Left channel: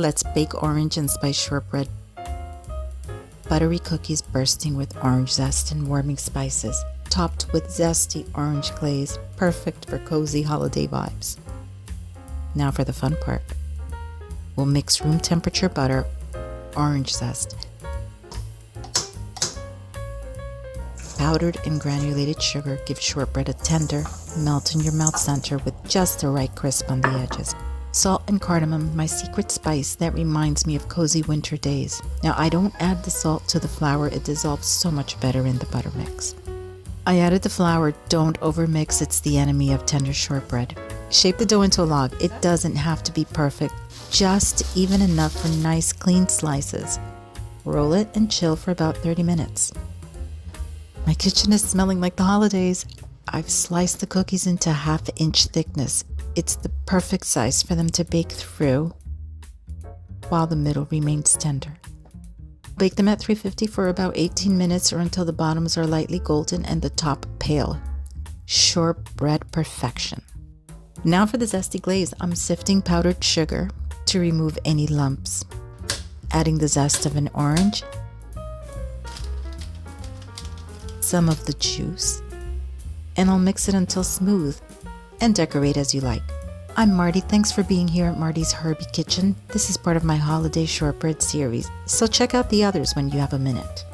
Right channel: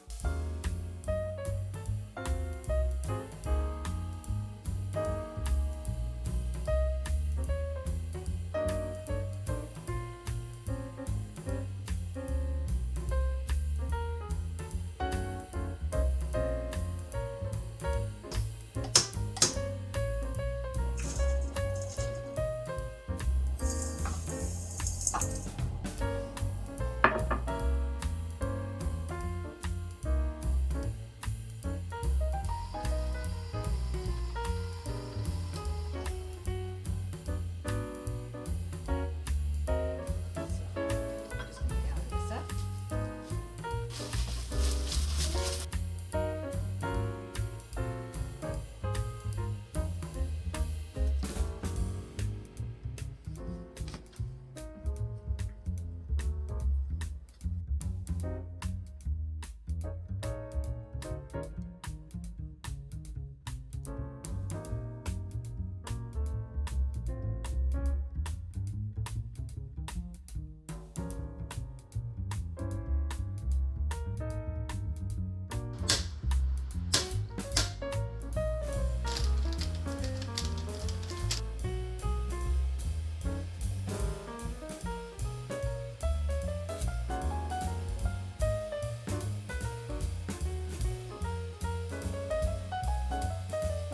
Let's bake orange and spice shortbread. Buttery cookies bursting with orange zest and warming spices, topped with zesty orange glaze, perfect for cozy holiday vibes. Now for the fun part. We'll mix room temperature butter, orange zest, powdered and granulated sugar give shortbread a tender, melt in your mouth center with just the right crisp on the edges. Salt and cardamom, my secret spice that reminds me of cozy winter days. Now I don't add the salt to the flour, it dissolves so much better in the butter mix. I added the flour, don't overmix, it's the enemy of tender shortbread. Shape the dough into a log, it doesn't have to be perfect, just even enough for nice clean slices. Roll it and chill for about 30 minutes. My kitchen is smelling like the holidays. I've sliced the cookies into 1/2 inch thickness. It's the perfect size for them to bake through while the middle remains tender. Bake them at 350 for about 18 minutes or until the bottoms are lightly golden and the top pale. Shortbread perfection. Now for the zesty glaze, I'm sifting powdered sugar to remove any lumps. Adding the zest of an orange, some of the juice, and I'll mix it until smooth and decorate as you like. I'm Marty, thanks for being here at Marty's Herbie Kitchen. This is part of my holiday shortbread series, so check out the others when you have a minute.